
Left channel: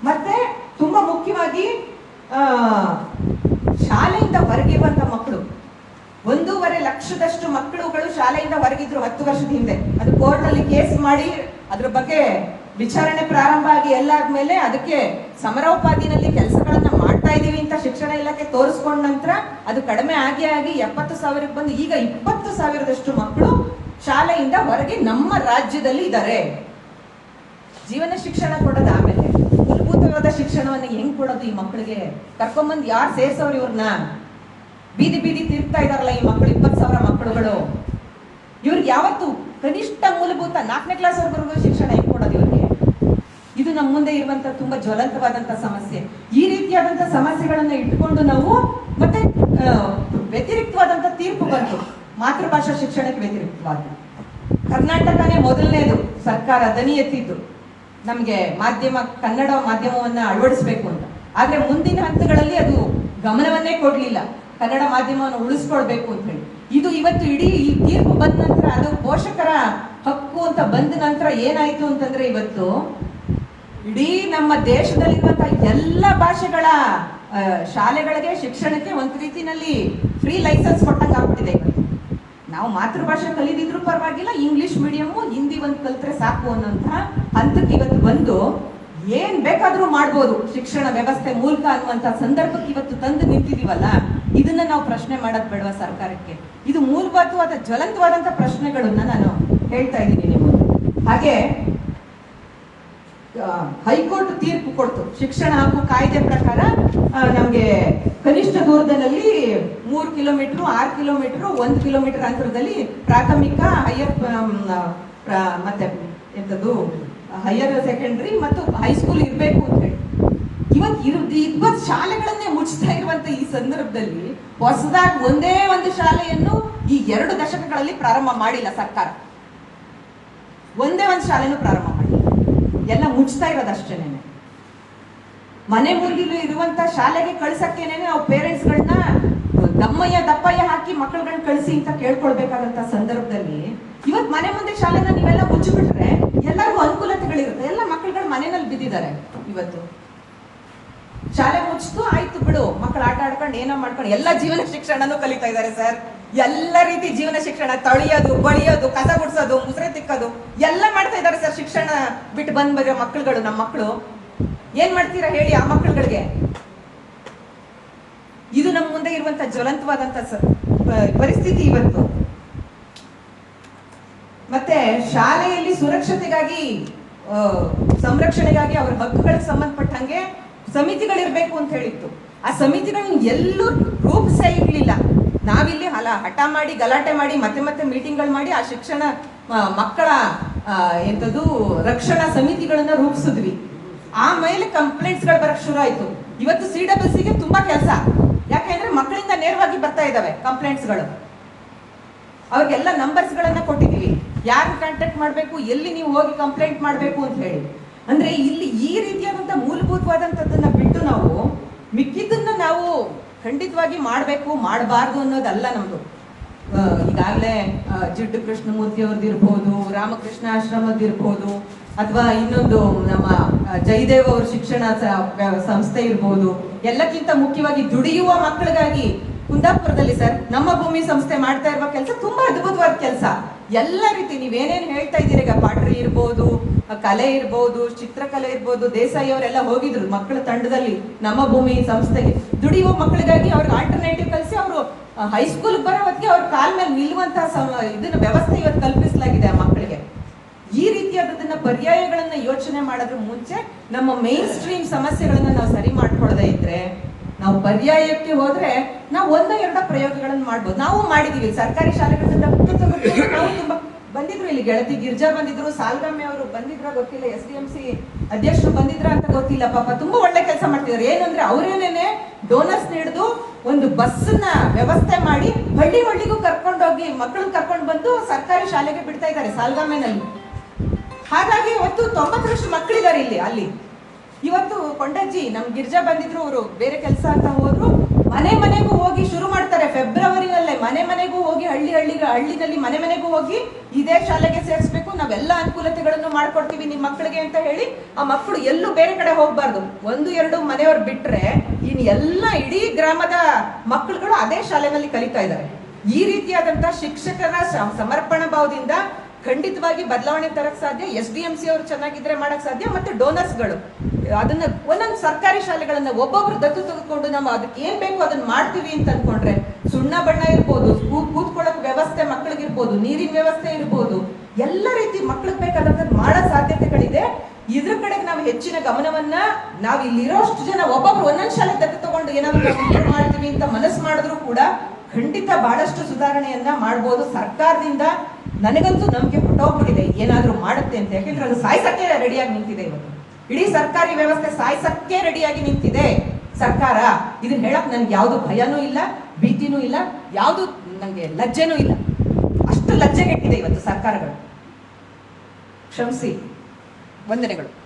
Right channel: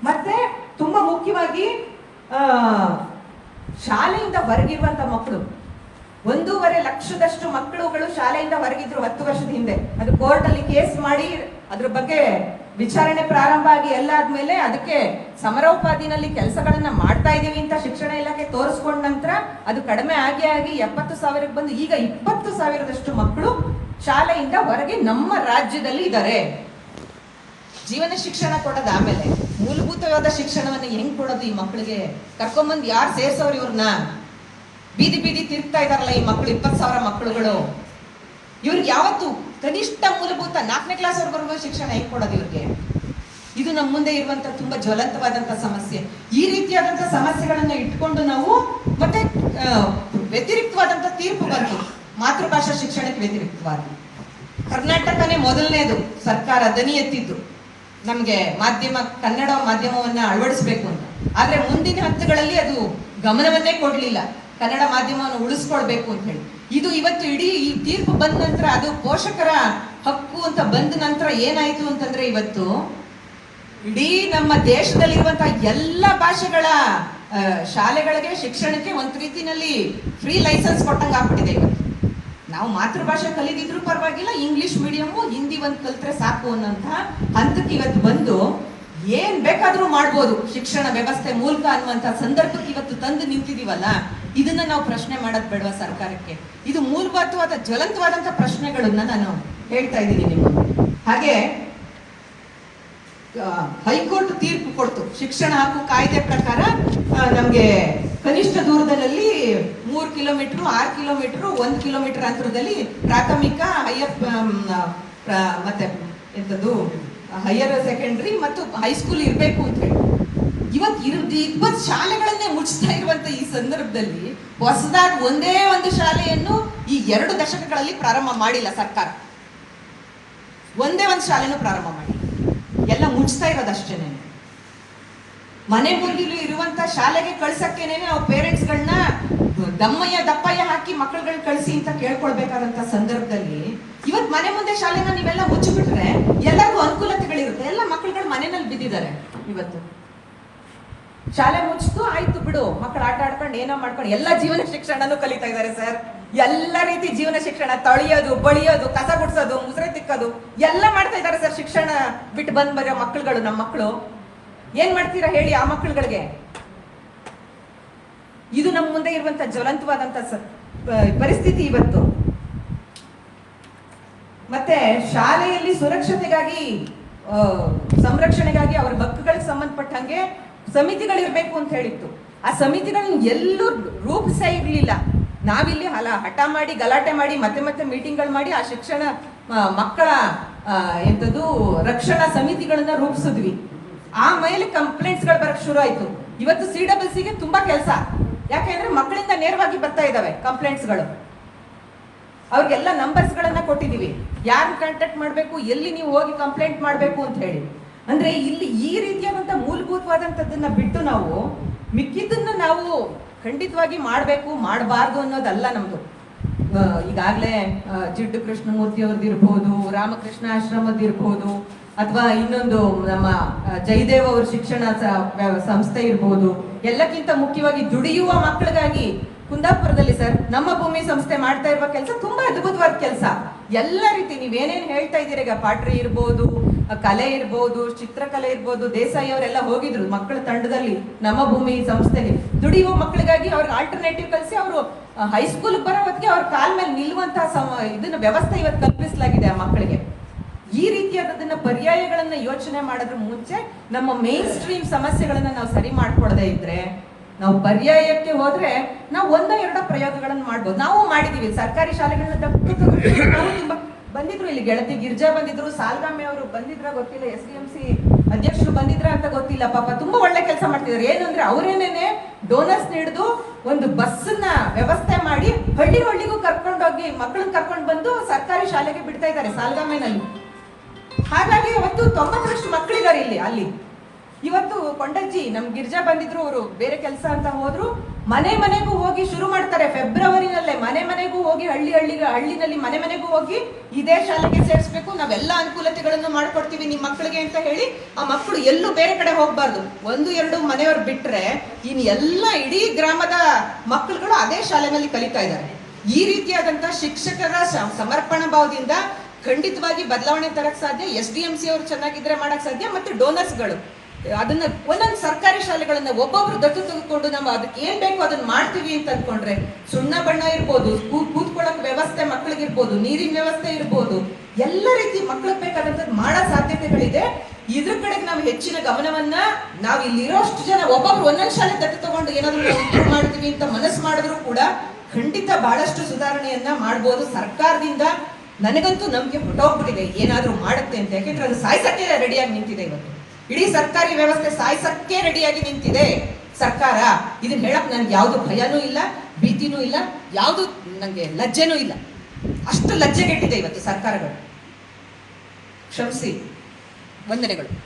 Speaker 1: ಮತ್ತೆ ತುಂಬಾ ಮುಖ್ಯವಾಗಿ ಶಾಲೆಯಿಂದ ಹೊರಗಿರುವಂತ ಮಕ್ಕಳು ಒಂದೂವರೆ ಲಕ್ಷದಷ್ಟು ಮಕ್ಕಳುಗಳು ಶಾಲೆಯಿಂದ ಹೊರಗಿದ್ರು ಹತ್ತು ವರ್ಷದ ಹಿಂದೆ. ಅದು ಕೋರ್ಟ್ ಅಲ್ಲಿ ಕೇಸ್ ಮಾಡಿ, ಅದ್ರ ಬಗ್ಗೆ ವಿಚಾರಣೆ ಪ್ರಾರಂಭ ಆಗಿ ಎಲ್ಲ ಆದ್ಮೇಲೆ ಅದಕ್ಕೆ ಸಮರೋಪಾದಿನಲ್ಲಿ ಕೆಲಸಗಳನ್ನ ಮಾಡ್ತಾ ಇದೀವಿ ಅಂತ ಶಿಕ್ಷಣ ಇಲಾಖೆ ತೋರಿಸ್ಕೊಂಡ ನಂತರ ಅದು ಕಡಿಮೆ ಆಗಿ ಆಗಿ ಎಪ್ಪತ್ತು ಸಾವಿರಕ್ಕೆ ಬಂದು ಈಗ ಇಪ್ಪತ್ತು ಸಾವಿರದಷ್ಟು ಮಕ್ಕಳು ಶಾಲೆಯಿಂದ ಹೊರಗೆ ನಮ್ಮ ರಾಜ್ಯದಲ್ಲಿ ಇದ್ದಾರೆ. ಜೀವನ ಶಿಕ್ಷಣ ಕೊಡೋದು ಆಮೇಲೆ, ಮೂಲಭೂತವಾದ ಶಿಕ್ಷಣವನ್ನು ಹೆಂಗ್ ಕೊಡೋದು ಈ ಮಕ್ಕಳಿಗೆ? ಕರ್ಕೊಂಬಂದು ಯಾರು ಸೇರ್ಸೋರು ಇವ್ರನ್ನ? ಬೀದಿ ಬೀದಿ ತಿರ್ತಾ ಇದಾರಲ್ಲ ಈ ಮಕ್ಕಳು ಇಪ್ಪತ್ತು ಸಾವಿರ ಮಕ್ಕಳುಗಳು. ಇವ್ರಿಗೆ ಯಾವತ್ತು ಕನಿಷ್ಠ ಮೂಲಭೂತ ನಾಲ್ಕನೇ ಕ್ಲಾಸ್ ವರ್ಗವರೆಗೂ ಶಿಕ್ಷಣ ಹೆಂಗ್ ಕೊಡೋದು ಇವ್ರಿಗೆ? ಇದು ನಮ್ಮ ಮುಂದೆ ಇರುವಂತ ತುಂಬಾ ಜ್ವಲಂತವಾದಂತ ಸಮಸ್ಯೆ. ಈ ರೀತಿಯಾದಂತ ಸಮಸ್ಯೆಗಳನ್ನ ಇಟ್ಕೊಂಡು ನಾವು ಮತ್ತೆ ವ್ಯತಿರಿಕ್ತವಾದಂತ ತೀರ್ಪು ಬಂತು. ಮಾತೃಭಾಷಾ ಶಿಕ್ಷಣಕ್ಕೆ ವ್ಯತಿರಿಕ್ತವಾಗಿ. ಕರ್ನಾಟಕನೇ ಮೊದಲನೇದು ಸರ್ಕಾರ ದನಿ ಎತ್ತಿದ್ದು. ನಮಗೆ ಮಾಧ್ಯಮ, ಕನ್ನಡ ಮಾಧ್ಯಮವನ್ನ ಅಳವಡಿಸಬೇಕು ಅಂತ. ಆದರೆ ಮುಂದಿನ ಹಂತಗಳಲ್ಲಿ ಅದು ಗಮನವನ್ನೇ ಕೊಡಲಿಲ್ಲ. ಕನ್ನಡ ಮಾಧ್ಯಮವನ್ನು ಉಳಿಸ್ಕೊಳ್ಬೇಕು ಅಂತ ಹೇಳಿ. ಇದು ಇವತ್ತು ಇಡೀ ಈ ತೀರ್ಪು ಬಂದ ನಂತರ ಅದು ಪೋಷಕರ ಹಕ್ಕು ಅಂತ ಬಂದ ನಂತರ ಏನಾಯಿತು ಅಂತಂದ್ರೆ ಇವತ್ತು ಇಡೀ ನಮ್ಮ ದೇಶದಲ್ಲಿರುವಂಥ ಎಲ್ಲ ಭಾಷೆಗಳ ಶಾಲೆಗಳಿಗೆ ಶಿಕ್ಷಣಕ್ಕೆ ಒಂದು ರೀತಿನಲ್ಲಿ ಫ್ರೀ ಲೈಸೆನ್ಸ್ ಕೊಟ್ಟಂಗೆ ಆಗ್ಬಿಟ್ಟಿದೆ ಇವತ್ತು. ನಾವು ಮಾತೃಭಾಷೆ ಕಲಿದಿದ್ರು ಪರವಾಗಿಲ್ಲ ಇಂಗ್ಲಿಷ್ ಮೀಡಿಯಮ್ಮು ಹಿಂದಿ ಒಂದು ಕಲ್ತ್ರೆ ಸಾಕು ಅನ್ನೋಂಥ ಹಂತಕ್ಕೆ ಇವತ್ತು ಬಂದು ಏನ್ ಬೇಕಾದ್ರೂ ಮಾಡ್ಬೋದು. ಶಿಕ್ಷಣ ವ್ಯವಸ್ಥೆ ಮೂಲಕ ಅನ್ನುವಂತ ಸಂದರ್ಭಕ್ಕೆ ಇವತ್ತು ತಂದು ನಿಂತಿದೀವಲ್ಲ, ಇದನ್ನ ನಾವು ಪ್ರಶ್ನೆ ಮಾಡೋದು ಬೇಡವಾ ಸರ್ಕಾರಕ್ಕೆ? ಇದು ಮೂಲಭೂತವಾದ ಜ್ವಲಂತವಾದಂತ ಪ್ರಶ್ನೆಗಳನ್ನ ನಾನು ಹೇಳ್ತಾ ಇದ್ದೀನಿ ನಿಮಗೆ. ಹಾಗೆ ಹೈಕೋರ್ಟ್ ತೀರ್ಪು ಕೊಡ್ತು. ಶಿಕ್ಷಣ ಹಕ್ಕು ಕಾಯ್ದೆ ಪ್ರಕಾರ ನಮ್ಗೆ ಕನಿಷ್ಠ ದೂರದಲ್ಲಿ ಮೂರು ಕಿಲೋಮೀಟರ್, ಆರು ಕಿಲೋಮೀಟರ್, ಒಂದು ಕಿಲೋಮೀಟರ್ ಅಂತರದಲ್ಲಿ ಪ್ರಾಥಮಿಕ ಹೈಯರ್ ಮತ್ತೆ ಎಂತದ್ದು ಹೈಯರ್ ಸೆಕೆಂಡರಿ ಮತ್ತು ಹೈಸ್ಕೂಲ್ ಇರಬೇಕು ಅಂತ ಹೇಳಿ. ಇವತ್ತು ಇರ್ ಇವತ್ತು ಶಾಲೆಗಳನ್ನೇ ಮುಚ್ಚಿಸ್ತಾ ಇರುವಂತ ಈ ಸಂದರ್ಭದಲ್ಲಿ ಹೊಸದಾಗಿ ಒಂದೇ ಒಂದು ಶಾಲೆಯನ್ನು ಈ ಎರಡು ದಶಕಗಳಲ್ಲಿ ಪ್ರಾರಂಭ ಮಾಡಿಲ್ಲ ಸರ್ಕಾರ. ಒಂದೇ ಒಂದು ಶಾಲೆನೂ ಪ್ರಾರಂಭ ಮಾಡಿಲ್ಲ. ಎಲ್ಲ ಮುಚ್ತಾ ಇರೋದಷ್ಟೇನೆ ಮನೆ ಮುಂದಿಲು ಇರುವಂತ ಶಾಲೆಗೆ ಕಳ್ಸಕ್ಕೇನೆ ಪೇರೆಂಟ್ಸ್ ಪೇರೆಂಟ್ಸ್ಗಳನ್ನ ದಮ್ಮಯ್ಯ, ದಪ್ಪಯ್ಯ ಹಾಕಿ ಮಕ್ಕಳುಗಳನ್ನ ಕಳಿಸಿ ಅಂತ ಕೇಳ್ಕೊಳ್ಬೇಕಾದಂತ ಸಂದರ್ಭದಲ್ಲಿ ಇವತ್ ಮನೆ ಮುಂದೆ ಶಾಲೆನ ನೀವೆಲ್ಲ ಮುಚ್ಚಿಬಿಟ್ರೆ ಎಲ್ಲರಿಗೂ ಅನುಕೂಲತೆಗಳಿರುತ್ತೆ. ಎಲ್ಲ ಮಕ್ಕಳುಗಳು ಮನೆಯಲ್ಲಿ ಬಿದ್ದಿದ್ದಾರೆ ಇವತ್ತು. ಶಾಲೆ ಮುಚ್ಚಿತು ಆಯ್ತು ಬಿಡು. ಮಕ್ಕಳು ಆಟ ಆಡ್ಕೊಂಡು ಏನೋ ಮಾಡ್ಕೊಂಡು ಎಲ್ಲ ಜೀವನ ಶಿಕ್ಷಣನೂ ಕಲಿತಾ ಇದ್ದಾರೆ ಸರ್. ಎಲ್ಲ ರೀತಿ ಜೀವನ ಶಿಕ್ಷಣ, ತಳಿಯೋದು, ಬಳಿಯೋದು, ಕಸ ಗುಡ್ಸೋದು ಮುಸ್ರೆ ತಿಕ್ಕೋದು, ಎಲ್ಲ ಮಾಡ್ತಾ ಇದ್ದಾರೆ ಸರ್ ಶಿಕ್ಷಣ ಬಿಟ್ಟು ಬಂದ್ ಬರೋ ಮಕ್ಕಳುಗಳು ನಮ್ಮ ಮಕ್ಕಳು ಏನ್ ಮಾಡ್ತೀರಾ ಹೇಳಿ ಆ ಮಕ್ಕಳುಗಳಿಗೆ ಇದು ನಮ್ಮ ಮುಂದೆ ಇರುವಂತ ಜ್ವಲಂತವಾದಂತ ಪರಿಸ್ಥಿತಿ ಇವತ್ತು. ಮತ್ತೆ ಶಾಲೆಯಲ್ಲಿ ಸುರಕ್ಷತೆಗಾಗಿ ಸಂರಕ್ಷಣೆಗಾಗಿ ಅವರ ಹಕ್ಕುಗಳಿಗೆ ಸಂಬಂಧಪಟ್ಟಂಗೆ ಸಮಿತಿಗಳಿರ್ಬೇಕು ಅಂತ ಹೇಳಿತ್ತು. ಆ ಸಮಿತಿಗಳನ್ನ ಎಲ್ಲೂ ರೂಪಿಸೇ ಇರಲಿಲ್ಲ. ನಾವಿಲ್ಲಿ ಹಲ ಹಠ ಮಾಡಿ, ಗಲಾಟೆ ಮಾಡಿ, ಮತ್ತೆ ಮತ್ತೆ ಮೀಟಿಂಗ್ಗಳು ಮಾಡಿ ಆ ಶಿಕ್ಷಣ ಮಕ್ಕಳ ಎಂಥದ್ದು ರಕ್ಷಣಾ ಸಮಿತಿಗಳನ್ನ ರೂಪಿಸಿದ್ವಿ. ಆಮೇಲೆ ಕಂಪ್ಲೇಂಟ್ಸ್ಗಳು ಬರಕ್ ಶುರು ಆಯ್ತು. ಇವತ್ತು ಸಿ ಡಬ್ಲ್ಯೂ ಸಿಗೆ ತುಂಬಾ ಕೆಲಸ. ಯಾಕೆಂದ್ರೆ ಮಕ್ಕಳಿಂದ ನೇರವಾಗಿ ಬರ್ತಾ ಇದಾವೆ ಕಂಪ್ಲೇಂಟ್ಸ್ಗಳು. ಅವ್ರಿಗೆಲ್ಲ ನಂಬರ್ಸ್ ಕೊಟ್ಟಿದ್ದೀವಿ ಯಾರನ್ನ ಕಾಂಟ್ಯಾಕ್ಟ್ ಮಾಡಬೇಕು, ಎಲ್ಲಿ ನೀವು ಹೋಗಿ ಕಂಪ್ಲೇಂಟ್ ಮಾಡಬೇಕು ಅಂತ ಹೇಳಿ. ಅಂದ್ರೆ ಇಲ್ಲಿ ಈ ರೀತಿಯಾದಂತ ಮೂಲಭೂತವಾದಂಥದ್ದನ್ನ ಬಿಟ್ಟು ನಾವು ಮಿಕ್ಕಿದ್ದನ್ನ ನಾವು ಖಂಡಿತವಾಗಿ ಮಾಡಬೇಕು, ಮಾಡಬಾರ್ದು ಅನ್ನೋದಲ್ಲ ನಮ್ದು. ಈಗಾಗಲೇ ಜಿಡ್ಡು ಕೃಷ್ಣಮೂರ್ತಿ ಅವ್ರದ್ದಿರ್ಬೋದು ರಾಮಕೃಷ್ಣ ಆಶ್ರಮದ್ದು ಇರ್ಬೋದು, ಅಥವಾ ಇನ್ನೊಂದು ನಮ್ಮ ಜಯದೇವ್ ಅವ್ರ ಶಿಕ್ಷಣ ಸಂಸ್ಥೆ ಇರ್ಬೋದು, ಎಲ್ಲಕ್ಕಿಂತ ಮುಖ್ಯವಾಗಿ ದುಡಿಯುವ ಮಕ್ಕಳಿಗಾಗಿ ಕುಂದಾಪುರದಲ್ಲಿ ಸರ್, ನಮ್ಮ ಭೂಮಿ ಸಂಸ್ಥೆ ಮಾಡ್ತಾ ಇರುವ ಕೆಲಸ ತುಂಬಾ ಅದ್ಭುತವಾದ ಕೆಲಸ. ಎಲ್ಲ ರೀತಿ ನೀವೇನೇನ್ ಹೇಳ್ತಾ ಇದ್ದೀರಿ? ಈಗ ಪಾಟ್ರಿ ಇರ್ಬೋದು, ಕಲೆ ಇರ್ಬೋದು, ಚಿತ್ರಕಲೆ ಇರ್ಬೋದು, ದೇಸಾಯಿ ಅವರೆಲ್ಲ ಹೋಗಿದ್ರು ಮಕ್ಕಳ ತಂಡದಲ್ಲಿ ನಮ್ಮ ಭೂಮಿ ಸಂಸ್ಥೆಗೆ. ದುಡಿಯುವ ಮಕ್ಕಳಿಗಾಗಿ ಅವ್ರಿಗೆ ಆಲ್ಟರ್ನೇಟಿವ್ ಕಲಿಸಿ ಅವರು ಹೈಸ್ಕೂಲ್ ಬರೋ ಹೊತ್ತಿಗೆ ಅವ್ರ ಕಾಲ್ ಮೇಲೆ ನಿಲ್ಲುವಂತಹ ಇದನ್ನ ವ್ಯವಸ್ಥೆ ಇವತ್ತು ಕಲ್ಪಿಸಲಾಗಿದೆ ಆ ಮಕ್ಕಳಿಗೆ. ಈ ರೀತಿಯಾದದನ್ನ ಪರ್ಯಾಯಗಳನ್ನ ಯೋಚನೆ ಮಾಡೋದ್ರ ಮುಂಚೆ ನಮ್ಮ ಮೇನ್ ಸ್ಟ್ರೀಮ್ ಸಮಸ್ಯೆಗಳನ್ನ ನಾವು ಸರಿ ಮಾಡ್ಕೊಳ್ದೇ ಇದ್ರೆ ನಾವು ಪರ್ಯಾಯಕ್ಕೆ ಹೋದ್ರೆ ನಾವು ಒಂದ ಎರಡ ಪ್ರಯೋಗಗಳನ್ನು ಮಾಡ್ಬೋದು. ನಾವು ಮಾಡಿದೀವಿ. ಸರ್ಕಾರಿ ಶಾಲೆಗಳನ್ನ ನಾವು ತುಂಬಾ ಬಂದಿದ್ರು ಇಲ್ಲಿ ಗೆಳತಿ ಗಿರ್ಜಾ ಬಂದಿದ್ರು, ಸಾಲ್ಗಾಮೆ ಅವರು ಬಂದಿದ್ರ ಗೊತ್ತಿಲ್ಲ, ಎಸ್ ಡಿ ಎಂ ಸಿ ಅಧ್ಯಕ್ಷರು ಬಂದಿದ್ರ ಅಂತ ಗೊತ್ತಿಲ್ಲ. ಪಾಪ ತುಂಬಾ ಒಳ್ಳೆ ಕೆಲಸ ಮಾಡ್ತಿದ್ರು ಏನು ಅಂದ್ರೆ ಅವರೇನೇನೆ ಡೋನರ್ಸ್ ಒಂದು ಬಸ್ನ ವ್ಯವಸ್ಥೆ ಮಾಡಿ ಹಳ್ಳಿ ಹಳ್ಳಿಗೂ ಕರ್ಕೊಂಡೋಗಿ ಮಕ್ಕಳನ್ನ ಕರ್ಕೊಂಡು ಬಂದು ಸರ್ಕಾರಿ ಶಾಲೆಗೆ ಬಿಡ್ತಾ ಇದ್ದಾರೆ ಸಾಲ್ಗಾಮೆನಲ್ಲಿ. ಹಾಗಾಗಿ ಇವತ್ತು ತೊಂಬತ್ತರಷ್ಟು ಮಕ್ಕಳಿದ್ದಾರೆ ಇಲ್ಲಿ, ಅಲ್ಲಿ. ಇವತ್ತು ಕೊಂಡಜ್ಜಿ ನಮ್ ಗಿರ್ಜಾ ಬಂದಿದ್ರು ಅವರು ಬೇರೆ ಕೆಲಸ ಅಂತ ಹೋದ್ರು, ಮನೆ ಮನೆಗೂ ಹೋಗಿ ಶುರು ಮಾಡ್ತಾರೆ. ಫೆಬ್ರವರಿನಲ್ಲೇ ಮನೆ ಮನೆಗೂ ಹೋಗಿ ಹಳ್ಳಿ ಹಳ್ಳಿ ಹಳ್ಳಿನಲ್ಲಿ ಮನೆ ಮನೆಗೂ ಹೋಗಿ ಇದೇ ಶಾಲೆಗೆ ಸೇರಿಸ್ಬೇಕು, ನಾವೆಲ್ಲ ಅನುಕೂಲತೆಗಳನ್ನು ಮಾಡ್ಕೊಡ್ತೀವಿ ನಿಮ್ಮ ಮಕ್ಕಳಿಗೆ ಅಂತ ಹೇಳಿ ಆ ಮಕ್ಕಳು ಎಲ್ಲೂ ಬೇರೆ ಕಡೆ ಹೋಗ್ಬಾರ್ದು. ಒಂದು, ಎರಡು ಮನೆಯವ್ರು ಬಿಟ್ರೆ ಇನ್ ಎಲ್ಲ ಇಡೀ ಗ್ರಾಮದ ಮಕ್ಕಳುಗಳು ಅದೇ ಶಾಲೆನಲ್ಲಿ ಕಲಿತಾ ಇದ್ದಾರೆ. ಈ ರೀತಿಯಾದಂತ ಶಿಕ್ಷಕರ ಸಮರ್ಪಣ ಸಮರ್ಪಣಾ ಭಾವದಿಂದ ಖಂಡಿತವಾಗಿ ಬದಲಾವಣೆ ತರಕ್ ಸಾಧ್ಯ, ಎಸ್ ಡಿ ಎಂ ಸಿ ಅವರು ಚೆನ್ನಾಗಿದ್ರೆ ಮಾಡಕ್ ಸಾಧ್ಯ, ಮತ್ತೆ ಡೋನರ್ಸ್ಗಳು. ಅದನ್ನ ಒಂದೊಂದು ಸರ್ಕಾರಿ ಶಾಲೆಗಳನ್ನ ಒಬ್ಬೊಬ್ರು ದತ್ತು ತೆಗೆದುಕೊಂಡು ನಾವು ಅದಕ್ಕೆ ಏನ್ ಬೇಕು ಅದನ್ನ ಮಾಡ್ತೀವಿ ಅಂತ ಅನ್ಕೊಂಡ್ರೆ ಸುಣ್ಣ ಬಣ್ಣ ಇರ್ಬೋದು ಕೂತ್ಕೊಳ್ಳಕ್ ವ್ಯವಸ್ಥೆ ಮಕ್ಕಳಿಗೆ ಇರ್ಬೋದು ನೀರಿನ ವ್ಯವಸ್ಥೆ ಇರ್ಬೋದು, ಎಲ್ಲ ರೀತಿ ಮಕ್ಳಿಗೆ ಬೇಕಾದಂಥದ್ದು ಮಾಡೋ ಸಾಧ್ಯತೆಗಳಿದೆ. ಇದ್ರ ಕಡೆಗೆ ನಾವು ಹೆಚ್ಚಿನ ಗಮನವನ್ನ ನಾವು ಇಲ್ಲಿರೋಷ್ಟು ಜನ ಒಬ್ಬೊಬ್ರು ಒಂದೊಂದು ಶಾಲೆ ದತ್ತು ತಗೊಂಡು ಏನಾದ್ರು ಮಾಡ್ತೀವಿ ಅಂತ ಮನಸ್ಸು ಮಾಡಿದ್ರು ಕೂಡ ಖಂಡಿತ ಬಹಳಷ್ಟು ಸುಧಾರಣೆಯನ್ನ ಮಾಡ್ಬೋದು ಸರ್ಕಾರದಿಂದ. ನನಗಂತೂ ನಂಬಿಕೆ ಹೊಟ್ಟೋಗ್ಬಿಟ್ಟಿದೆ ಏನಾದ್ರೂ ಮಾಡುತ್ತೆ ಅಂತ. ಯಾಕೆಂದ್ರೆ ಅದು ಸಾಯ್ಸಕ್ಕೆ ರೆಡಿಯಾಗಿ ನಿಂತಿದೆ ಇವತ್ತು. ಇಡೀ ಸರ್ಕಾರಿ ವ್ಯವಸ್ಥೆ ಸಾಯಿಸಕ್ಕೆ ರೆಡಿಯಾಗಿ ನಿಂತಿದೆ. ಸರ್ಕಾರ ಇದನ್ನ ಹೇಳಕ್ ನನಗೆ ಯಾವುದು ಭಯನೂ ಇಲ್ಲ, ಭೀತಿನೂ ಇಲ್ಲ, ಯಾವುದು ನನಗೆ ಲಜ್ಜೆನೂ ಇಲ್ಲ. ಅಷ್ಟು ಲಜ್ಜೆಗೆಟ್ಟಿದೆ ಇವತ್ತು ಸರ್ಕಾರಗಳು. ಕ್ಷಮಿಸಿ, ವಂದನೆಗಳು.